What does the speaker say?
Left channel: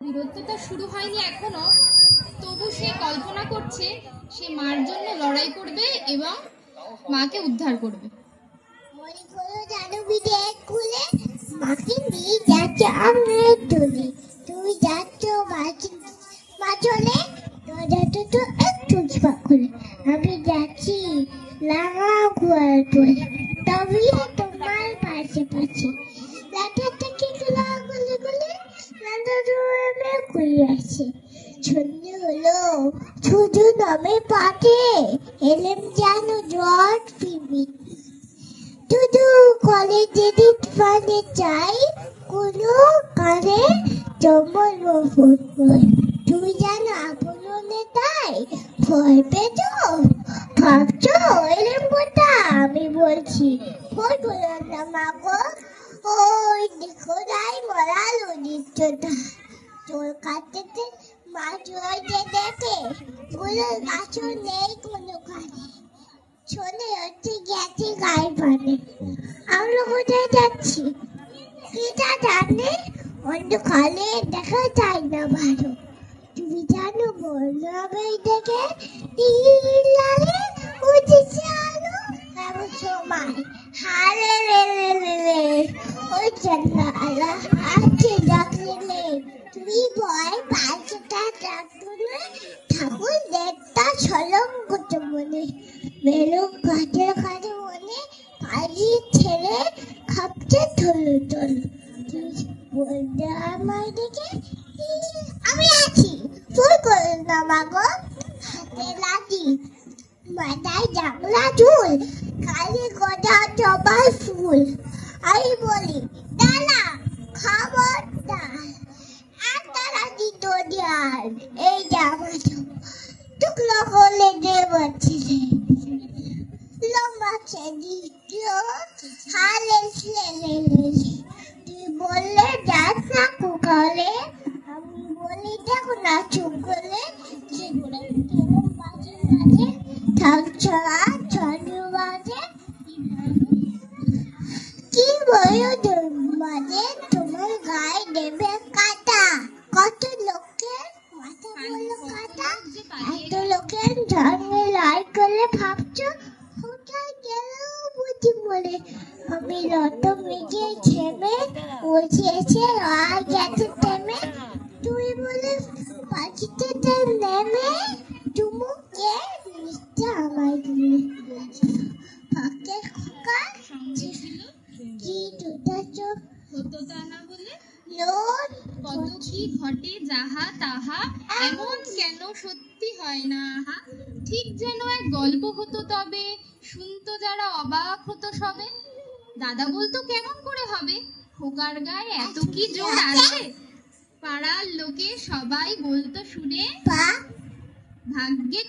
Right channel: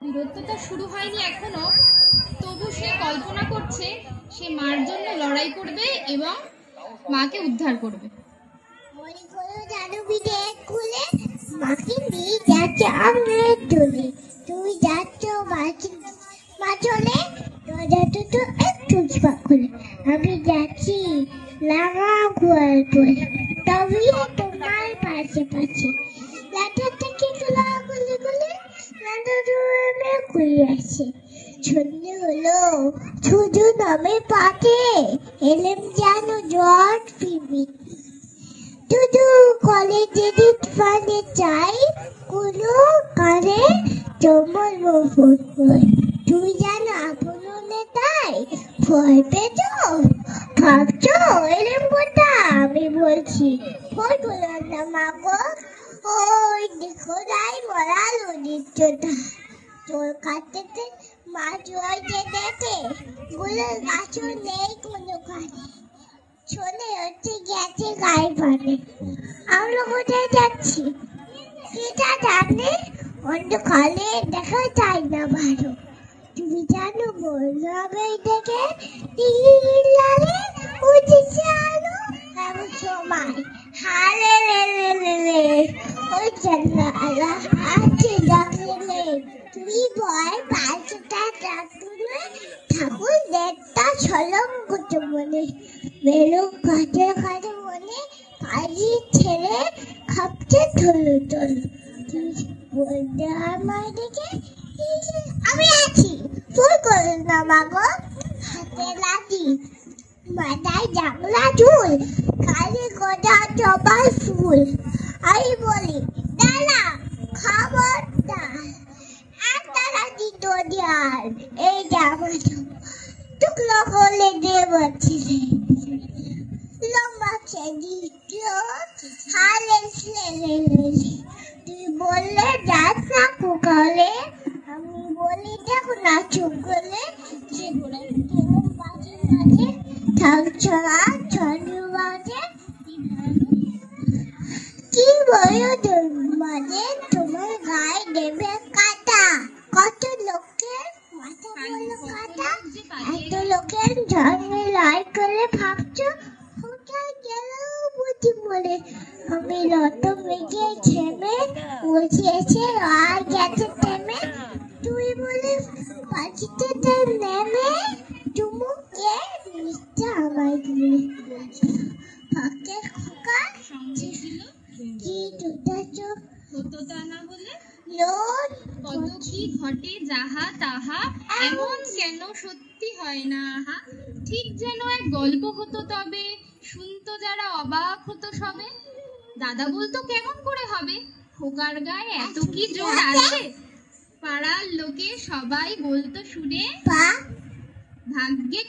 বীরত্বটা শুরু হয়নি এখনো, তবু সে কল্পনা করছে সে মার জন্য লড়াই করবে এবং মাকে উদ্ধার করবে। মাকে নিয়ে যাচ্ছে আমার তুলে, তুমি যাচ্ছ মা চলে তো একটু করে আমি যাচ্ছি লাগা ঘোয়ার পরে, তবে তোমার পাশে পাশে লাটা থেকে তোলা গুলে গুলে লাটা ঘুরে আসে। সন্ধে হলো, শুধু নামে পাঠে এলেম যেন জট ফিরবি, শুধু কলেজে পানে চাই কুলো কারে জমল তুমি জানো আপনে তাই ভয় পেত ভাবছো এরম কথা আমি বলছি ভয় করো না মাগো। ওই দেখো রাই মরা ললিতটা তোর কাছে মাছ হয়েছে দেখে বলে গাছ নেই কোনো কানে চলে হচ্ছে গেছে গায়ে পানে। আমরা কোথায় যাচ্ছি সেটা জানে অন্ধকারে দেখা যায় না ভালো, তুমি জানো বলরাগাই দেখে লালে উঠেছে আলো এমন সময় হালে লে ওই জান্নালা আছে ডাকলে তুমি ভয় পাঁচটা ডাকলে ঠাকুর দেখতা ছলম করতে মনে বেলু কাটে কাটে মনে কাজি ছেড়ে খাপতে থলো থলো বলতে আমার দিকে আমি আছি ফুল করে না মাগো হাতে লাঠি মাথায় জাংলা চুল কালি গোটা জবার ফুল আমি বলি দাদা খবরদার একটা লাঠি তো দিয়ার এই জামাটা টুকরো করলে দেবছিলে লম্বা ছেড়ি হালে তুই বললে যাস না কুকালে আমি বলি দেখো না চুপ করলে থাকছো ছড়ি বাজে কি বলো মানে তোমার গায়ে দেবে কাটা কত লোকের মাথা বলো কাটা এত লোকের জন্মে লড়াই করে ভাবছো কোথায় গেল বুঝি বলে আমি রত মেঘে ছেমে বসেছে আর গেছে থেমে তুই বলে পাখিতে নেমে চুমুকে নিচে আমায় দিলে ফাঁকে খোকা কি দুটা চোখ সত্যতা না বলে লোন কত কি ঘটে যাহা তাহা এমন কেন সত্যি হয় না আহা, ঠিক যেন এক গল্প হতো তবে শুনতো যারা অবাক হতো সবে। দাদা বলতো কেমন করে হবে, খোকার গায়ে এত কি জোর আছে, পাড়ার লোকে সবাই বলতো শুনে পা ভাগ্যে